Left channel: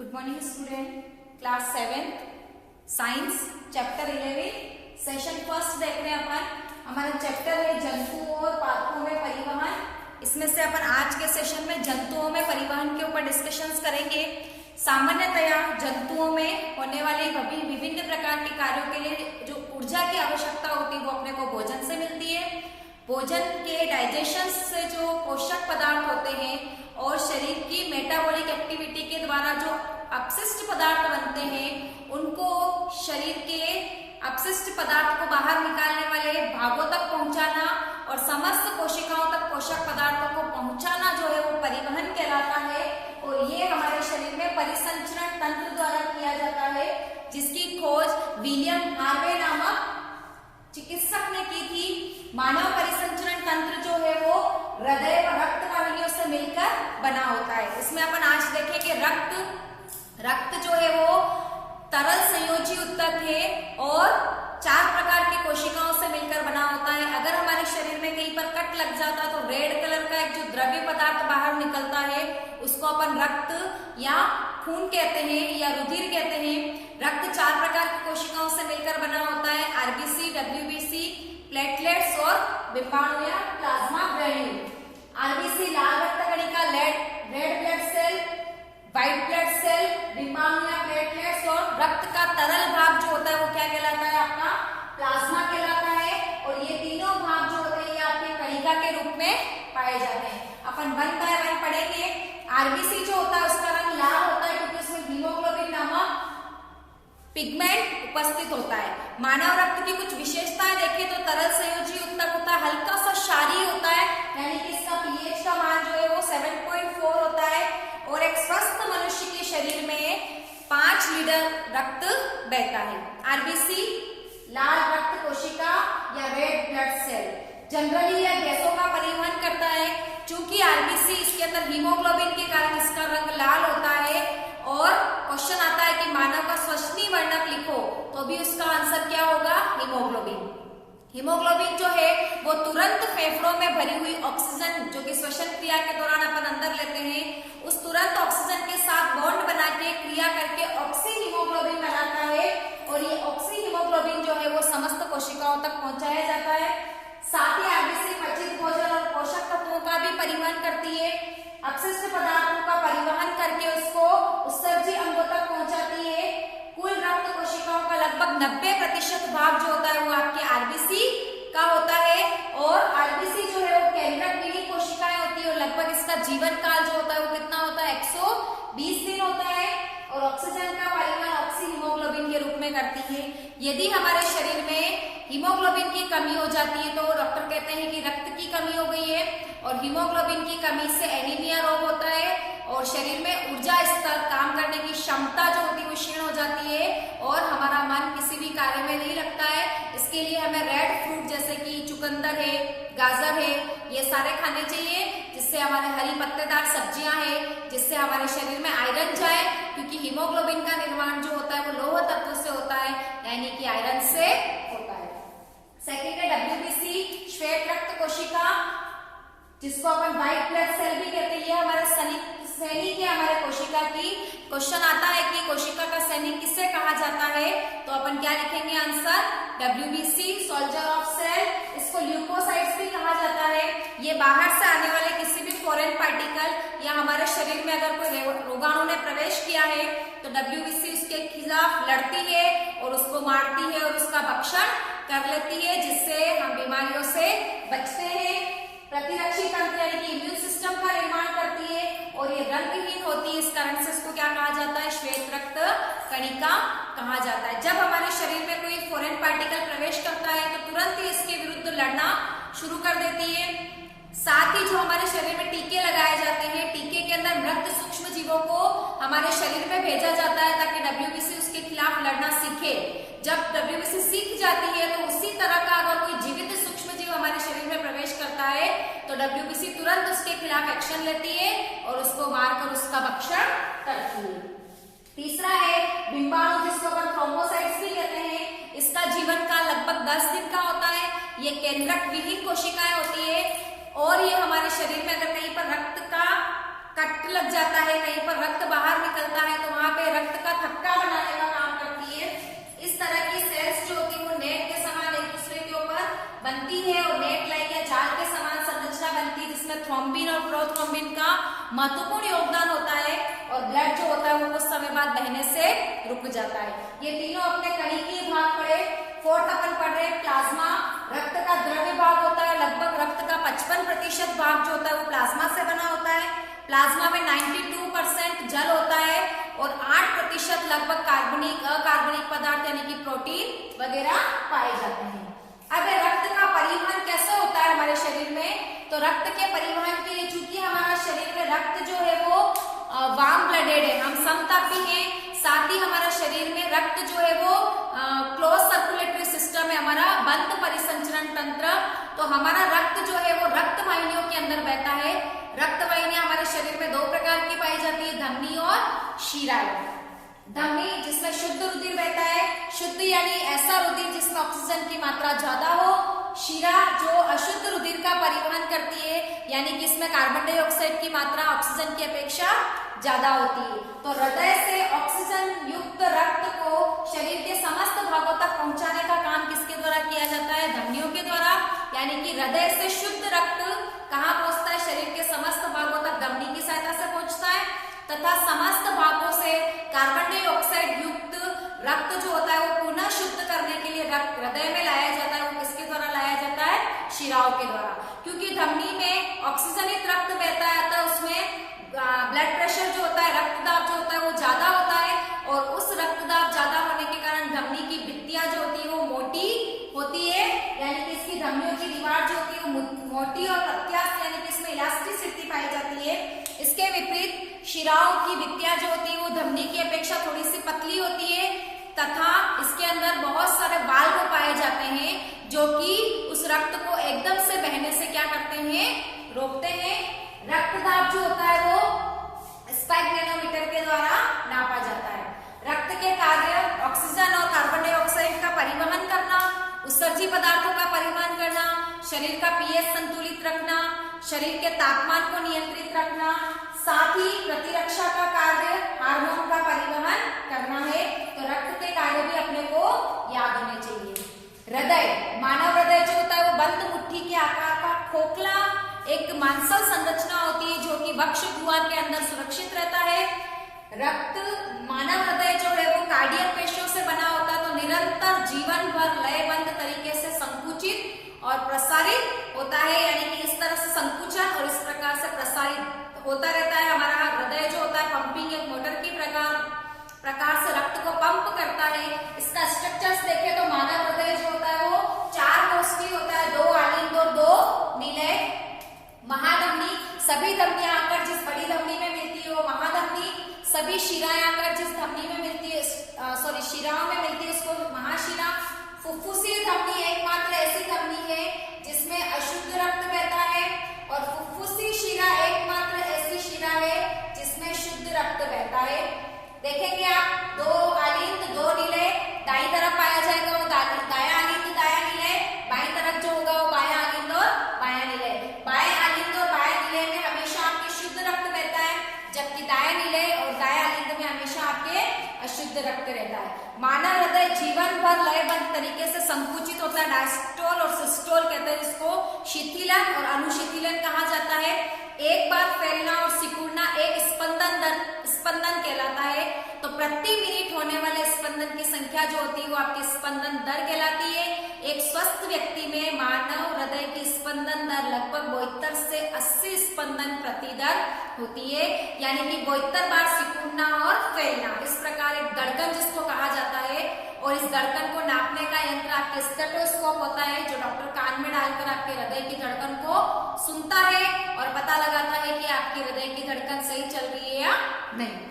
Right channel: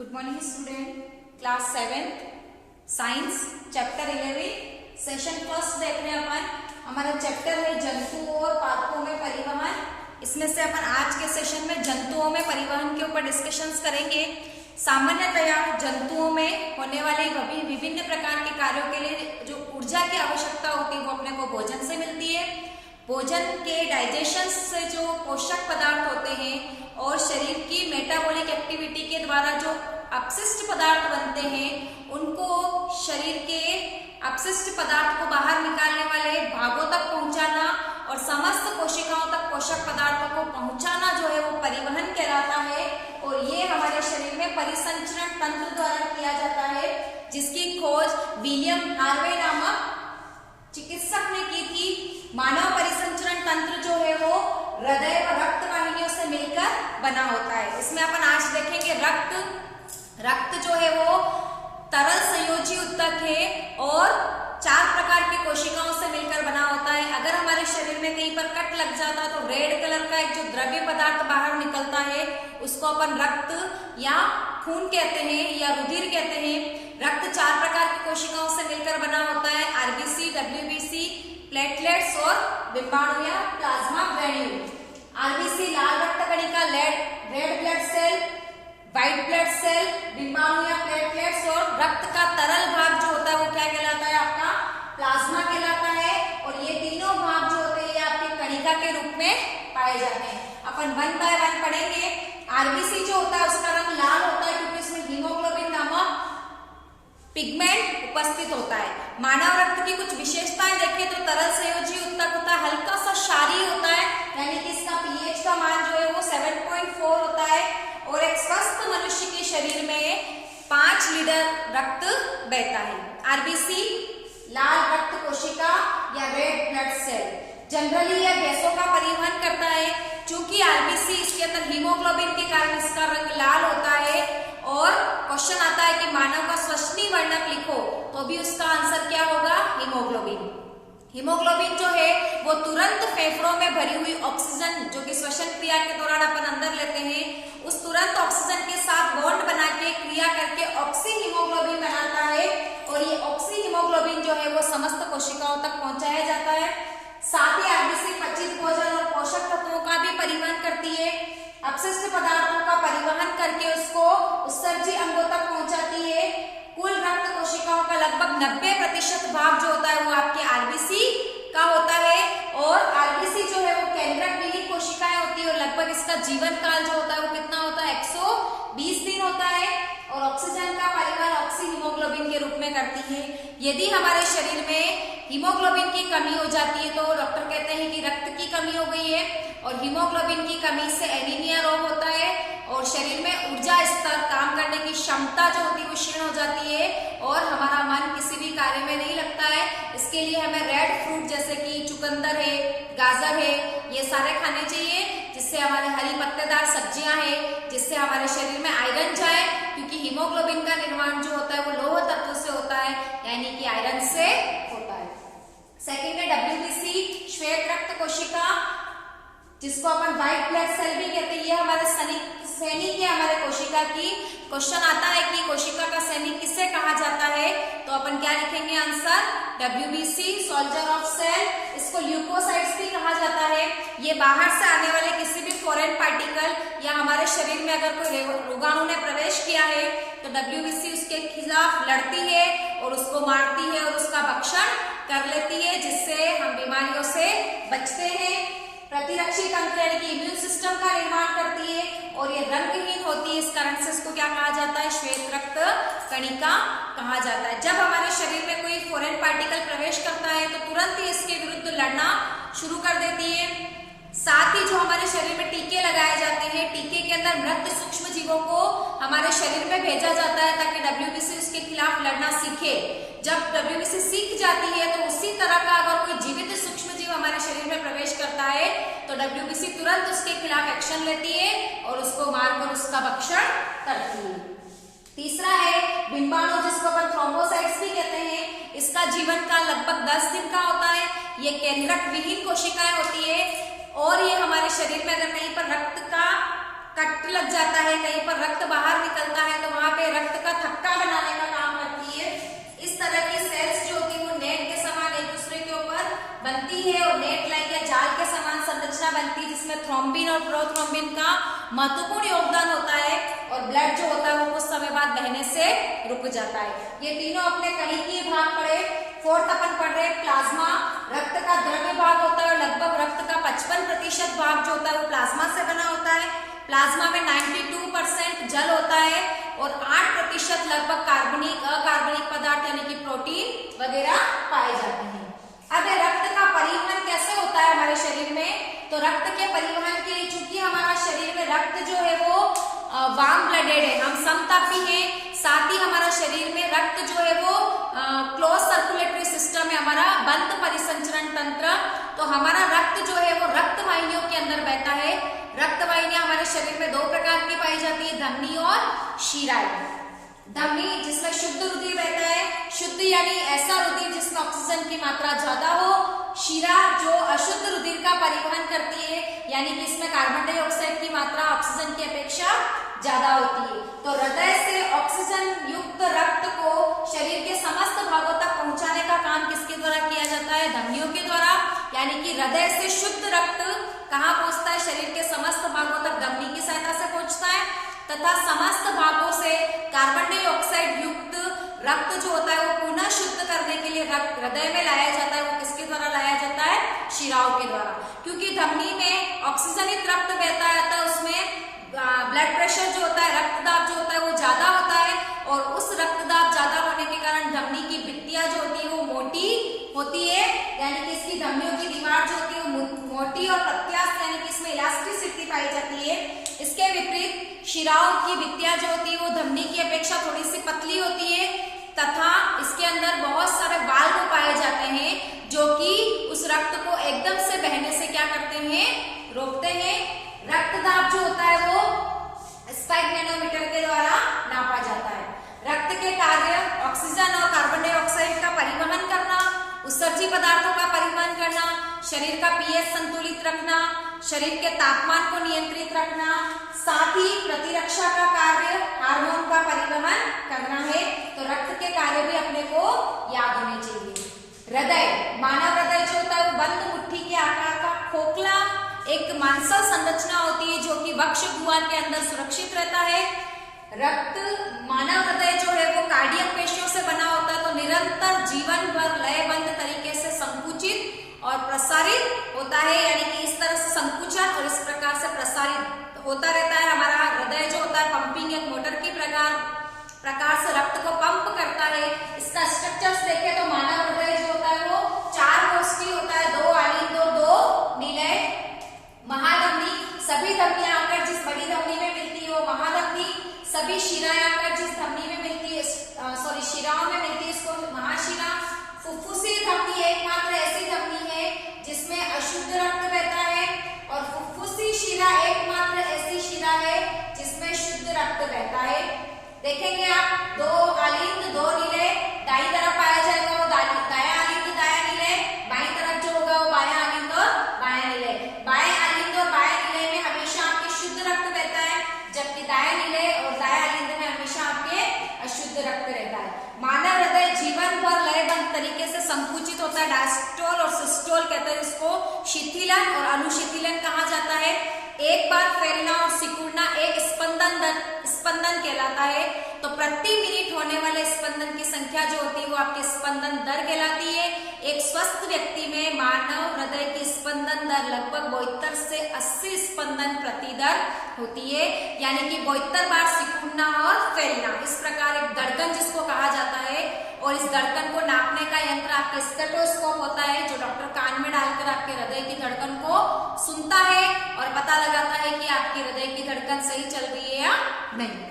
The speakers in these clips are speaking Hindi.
Good morning student, class 7th science chapter 11 session first देख रहे हैं अपन। हमारा चैप्टर है जंतुओं और पादपों में परिवहन। इसमें से अपन आज के सेशन में जंतुओं में परिवहन के ऊपर डिस्कशंस करेंगे। सामान्यतया जंतुओं में होने वाले विभिन्न प्रकार के कार्यों के लिए जो ऊर्जा की आवश्यकता होती है वो अपने को भोजन से मिलती है। भोजन के डाइजेशन से जो पोषक पदार्थ होते हैं और शरीर की मेटाबॉलिक एक्टिविटी के द्वारा जो अपशिष्ट पदार्थ बनते हैं उनको शरीर के अपशिष्ट पदार्थ को बाहर निकालने वाले भागों तक पहुंचाना और समस्त कोशिकाओं तक पोषक पदार्थों को पहुंचाना जो है वो परिवहन कहलाता है। और ये हमारे शरीर में परिसंचरण तंत्र द्वारा किया जाता है, जिसकी खोज विलियम हार्वे नामक चिकित्सक ने की थी। मानव परिसंचरण तंत्र जो है वो हृदय व रक्त वाहिनियों से मिलकर बना होता है। इसमें अपन आज देखेंगे रक्त जो है वो तरल संयोजी ऊतक है और 4 प्रकार की कोशिकाओं से मिलकर बना होता है। अगर हमारे शरीर में कहीं पर कट लग जाता है तो रेड कलर का एक जो द्रव्य पदार्थ बाहर निकलता है उसको अपन रक्त या खून कहते हैं या रुधिर कहते हैं। रक्त 4 प्रकार की कोशिकाओं से मिलकर बना होता है, आरबीसी, डब्ल्यूबीसी, प्लेटलेट्स और बिंबाणु या प्लाज्मा ग्रैन्यूल। आरबीसी लाल रक्त कणिका, red blood cell, white blood cell, बिंबाणु या प्लेटलेट्स और रक्त का तरल भाग जो होता है वो क्या कहलाता है, आपका प्लाज्मा कहलाता है। और ये तीनों भाग जो होते हैं ये आपके कणिका के रूप में पाए जाते हैं। अपन 1 बाय 1 पढ़ेंगे। आरबीसी जो होता है उसका रंग लाल होता है क्योंकि उसमें हीमोग्लोबिन नामक पिगमेंट उपस्थित होता है। मानव रक्त की कुछ विशेषताएं देखें तो तरल संयोजी ऊतक होता है, हल्का सा क्षारीय होता है, यानी कि इसका पीएच का मान जो है वो 7.4 होता है। और एक स्वस्थ मनुष्य के शरीर में 5 लीटर रक्त बहता है। आरबीसी लाल रक्त कोशिका या रेड ब्लड सेल जनरली यह गैसों का परिवहन करता है। चूंकि आरबीसी इसके अंदर हीमोग्लोबिन के कारण इसका रंग लाल होता है। और क्वेश्चन आता है कि मानव का श्वसनीय वर्णक लिखो, तो भी उसका आंसर क्या होगा, हीमोग्लोबिन। हीमोग्लोबिन जो है वो तुरंत फेफड़ों में भरी हुई ऑक्सीजन जो कि श्वसन क्रिया के दौरान अपन अंदर लेते हैं, उस तुरंत ऑक्सीजन के साथ बॉन्ड बना के क्रिया करके ऑक्सी हीमोग्लोबिन बनाता है। और ये ऑक्सी हीमोग्लोबिन जो है वो समस्त कोशिकाओं तक पहुंचाया जाता है। साथ ही आरबीसी पचित भोजन और पोषक तत्वों का भी परिवहन करती है। अपशिष्ट पदार्थों का परिवहन करके उसको उत्सर्जी अंगों तक पहुंचाती है। कुल रक्त कोशिकाओं का लगभग 90% भाग जो होता है वो आपके आरबीसी का होता है। और आरबीसी जो है वो केंद्रक विहीन कोशिकाएं होती है और लगभग इसका जीवन काल जो होता है वो कितना होता है, 120 दिन होता है। और ऑक्सीजन का परिवहन ऑक्सी हीमोग्लोबिन के रूप में करती है। यदि हमारे शरीर में हीमोग्लोबिन की कमी हो जाती है तो डॉक्टर कहते हैं कि रक्त की कमी हो गई है। और हीमोग्लोबिन की कमी से एनीमिया रोग होता है और शरीर में ऊर्जा स्तर, काम करने की क्षमता जो होती है वो क्षीण हो जाती है और हमारा मन किसी भी कार्य में नहीं लगता है। इसके लिए हमें रेड फ्रूट जैसे कि चुकंदर है, गाजर है, ये सारे खाने चाहिए, जिससे हमारे हरी पत्तेदार सब्जियां हैं जिससे हमारे शरीर में आयरन जाए, क्योंकि हीमोग्लोबिन का निर्माण जो होता है वो लौह तत्व से होता है, यानी कि आयरन से होता है। सेकेंड है डब्ल्यूबीसी श्वेत रक्त कोशिका, जिसको अपन व्हाइट ब्लड सेल भी कहते हैं। ये हमारे सैनिक है हमारे कोशिका की। क्वेश्चन आता है कि कोशिका का सैनिक किसे कहा जाता है, तो अपन क्या लिखेंगे answer, WBC soldier of cell. इसको ल्यूकोसाइट्स भी कहा जाता है। ये बाहर से आने वाले किसी भी फॉरेन पार्टिकल या हमारे शरीर में अगर कोई रोगाणु ने प्रवेश किया है तो डब्ल्यूबीसी उसके खिलाफ लड़ती है और उसको मारती है और उसका भक्षण कर लेती है, जिससे हम बीमारियों से बचते हैं। प्रतिरक्षी तंत्र यानी कि इम्यून सिस्टम का निर्माण करती है और ये रंगहीन होती है, इस कारण से इसको क्या कहा जाता है, श्वेत रक्त कणिका कहा जाता है। जब हमारे शरीर में कोई फॉरेन पार्टिकल प्रवेश करता है तो तुरंत ही इसके विरुद्ध लड़ना शुरू कर देती है। साथ ही जो हमारे शरीर में टीके लगाए जाते हैं, टीके के अंदर मृत सूक्ष्म जीवों को हमारे शरीर में भेजा जाता है ताकि डब्ल्यूबीसी उसके खिलाफ लड़ना सीखे। जब डब्ल्यूबीसी सीख जाती है तो उसी तरह का अगर कोई जीवित सूक्ष्म जीव हमारे शरीर में प्रवेश करता है तो डब्ल्यूबीसी तुरंत उसके खिलाफ एक्शन लेती है और उसको मारकर उसका भक्षण करती है। तीसरा है बिंबाणु, जिसको अपन थ्रोम्बोसाइट्स भी कहते हैं। इसका जीवन काल लगभग 10 दिन का होता है। ये केंद्रक विहीन कोशिकाएं होती है और ये हमारे शरीर में अगर कहीं पर रक्त का कट लग जाता है, कहीं पर रक्त बाहर निकलता है, तो वहां पे रक्त का थक्का बनाने का काम करती है। इस तरह की सेल्स जो होती है वो नेट के समान एक दूसरे के ऊपर बनती है और नेट लाइक या जाल के समान संरचना बनती है, जिसमें थ्रोम्बिन और प्रोथ्रोम्बिन का महत्वपूर्ण योगदान होता है और ब्लड जो होता है वो कुछ समय बाद बहने से रुक जाता है। ये तीनों अपने कहीं के भाग पढ़े। फोर्थ अपन पढ़ रहे प्लाज्मा, रक्त का द्रव्य भाग होता है और लगभग रक्त का 55% भाग जो होता है वो प्लाज्मा से बना होता है। प्लाज्मा में 92% जल होता है और 8% लगभग कार्बनिक अकार्बनिक पदार्थ यानी कि प्रोटीन वगैरह पाए जाते हैं। अब रक्त का परिवहन कैसे होता है हमारे शरीर में, तो रक्त के परिवहन के लिए चूंकि हमारा शरीर में रक्त जो है वो वार्म ब्लडेड है, हम समतापी हैं, साथ ही हमारा शरीर में रक्त जो है वो क्लोज सर्कुलेटरी सिस्टम है, हमारा बंद परिसंचरण तंत्र, तो हमारा रक्त जो है वो रक्त वाहिनियों के अंदर बहता है। रक्त वाहिनियां हमारे शरीर में 2 प्रकार की पाई जाती है, धमनी और शिराएं। धमनी जिसमें शुद्ध रुधिर बहता है, शुद्ध यानी ऐसा रुधिर जिसमें ऑक्सीजन की मात्रा ज्यादा हो। शिरा जो अशुद्ध रुधिर का परिवहन करती है, यानी कि इसमें कार्बन डाइऑक्साइड की मात्रा ऑक्सीजन की अपेक्षा ज्यादा होती है। तो हृदय से ऑक्सीजन युक्त रक्त को शरीर के समस्त भागों तक पहुंचाने का काम किसके द्वारा किया जाता है, धमनियों के द्वारा, यानी कि हृदय से शुद्ध रक्त कहाँ पहुंचता है, शरीर के समस्त भागों तक धमनी की सहायता से पहुंचता है, तथा समस्त भागों से कार्बन डाइऑक्साइड युक्त रक्त जो होता है वो पुनः शुद्ध करने के लिए रक्त हृदय में लाया जाता है। वो किसके द्वारा लाया जाता है, शिराओं के द्वारा, क्योंकि धमनी में ऑक्सीजनित रक्त बहता है, तो उसमें ब्लड प्रेशर जो होता है, रक्तदाब जो होता है वो ज्यादा होता है, और उस रक्तदाब ज्यादा होने के कारण धमनी की भित्तियां जो होती है वो मोटी होती है, यानी कि इसकी धमनियों की दीवार जो होती है वो मोटी और प्रत्यास्थ, यानी कि इसमें इलास्टिसिटी पाई जाती है। इसके विपरीत शिराओं की भित्तियां जो होती है वो धमनी की अपेक्षा थोड़ी सी पतली होती है, तथा इसके अंदर बहुत सारे वाल्व पाए जाते हैं जो कि उस रक्त को एकदम से बहने से क्या करते हैं, रोकते हैं। रक्तदाब जो होता है वो स्पाइक मैनोमीटर के द्वारा नापा जाता है। रक्त के कार्य ऑक्सीजन और कार्बन डाइऑक्साइड का परिवहन करना, उत्सर्जी पदार्थों का परिवहन करना, शरीर का पीएच संतुलित रखना, शरीर के तापमान को नियंत्रित रखना, साथ ही प्रतिरक्षा का कार्य हार्मोन का परिवहन करना है। तो रक्त के कार्य भी अपने को याद होने चाहिए। हृदय, मानव हृदय जो होता है वो बंद मुट्ठी के आकार का खोखला एक मांसल संरचना होती है जो कि वक्ष गुहा के अंदर सुरक्षित रहता है। रक्त मानव हृदय जो है वो कार्डियक पेशियों से बना होता है, तो निरंतर जीवन भर लयबद्ध तरीके से संकुचित और प्रसारित होता है, यानी कि इस तरह से संकुचन और इस प्रकार से प्रसारित होता रहता है। हमारा हृदय जो होता है पंपिंग एक मोटर की प्रकार से रक्त को पंप करता है। इसका स्ट्रक्चर्स देखें तो मानव हृदय जो होता है वो 4 कोष्ठी होता है, 2 आलिंद 2 नीले। महाधमनी, सभी धमनियां आकर जिस बड़ी धमनी में मिलती है वो महाधमनी, सभी शिराएं आकर जिस धमनी में मिलती है, शिराओं में मिलती है उसको महाशिरा। फुफ्फुसी धमनी एकमात्र ऐसी धमनी है जिसमें अशुद्ध रक्त बहता है, और फुफ्फुसी शिरा एकमात्र ऐसी शिरा है जिसमें शुद्ध रक्त बहता है। देखेंगे आप 2 आलिंद 2 नीले, दाई तरफ पाया जाएगा वो दाया आलिंद दाया नीले, बाई तरफ जो होगा वो बाया आलिंद और बाया नीले। बाएं आलिंद और बाया नीले में हमेशा आपके शुद्ध रक्त बहता है, जबकि दाया नीले और दाया आलिंद में हमेशा आपके अशुद्ध रक्त रहता है। मानव हृदय जीवन भर लयबद्ध तरीके से संकुचित होता है, डायस्टोल और सिस्टोल कहते हैं इसको, शिथिलन और अनुशिथिलन कहा जाता है। एक बार फैलना और सिकुड़ना एक स्पंदन कहलाता है। तो प्रति मिनट होने वाले स्पंदन की संख्या जो होती है वो आपकी स्पंदन दर कहलाती है। एक स्वस्थ व्यक्ति में मानव हृदय की स्पंदन दर लगभग 72 से 80 स्पंदन प्रति दर होती है, यानी कि 72 बार सिकुड़ना और फैलना। इस प्रकार एक धड़कन जिसको कहा जाता है, और इस धड़कन को नापने का यंत्र आपके स्टेथोस्कोप होता है जो डॉक्टर कान में डालकर आपके हृदय की धड़कन को सुनता है और पता लगाता है कि आपकी हृदय की धड़कन सही चल रही है या नहीं।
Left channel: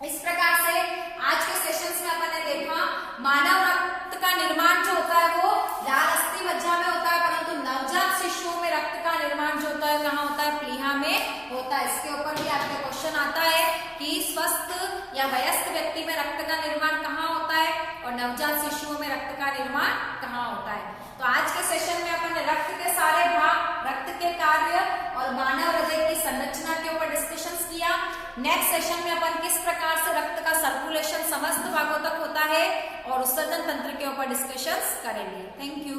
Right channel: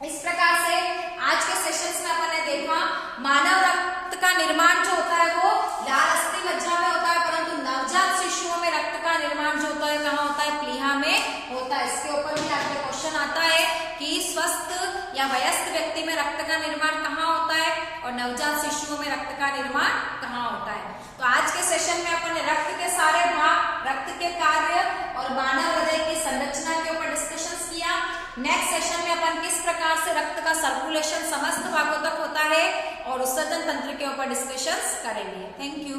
इस प्रकार से आज के सेशंस में अपन ने देखा मानव रक्त का निर्माण जो होता है वो लाल अस्थि मज्जा में होता है, परंतु नवजात शिशुओं में रक्त का निर्माण जो होता है कहाँ होता है, प्लीहा में होता है। इसके ऊपर भी आपके क्वेश्चन आता है कि स्वस्थ या वयस्क व्यक्ति में रक्त का निर्माण कहाँ होता है और नवजात शिशुओं में रक्त का निर्माण कहाँ होता है। तो आज के सेशन में अपन ने रक्त के सारे भाग, रक्त के कार्य और मानव हृदय की संरचना के ऊपर डिस्कशन किया। नेक्स्ट सेशन में अपन किस प्रकार से रक्त का सर्कुलेशन समस्त भागों तक होता है और उत्सर्जन तंत्र के ऊपर डिस्कशंस करेंगे। Thank you.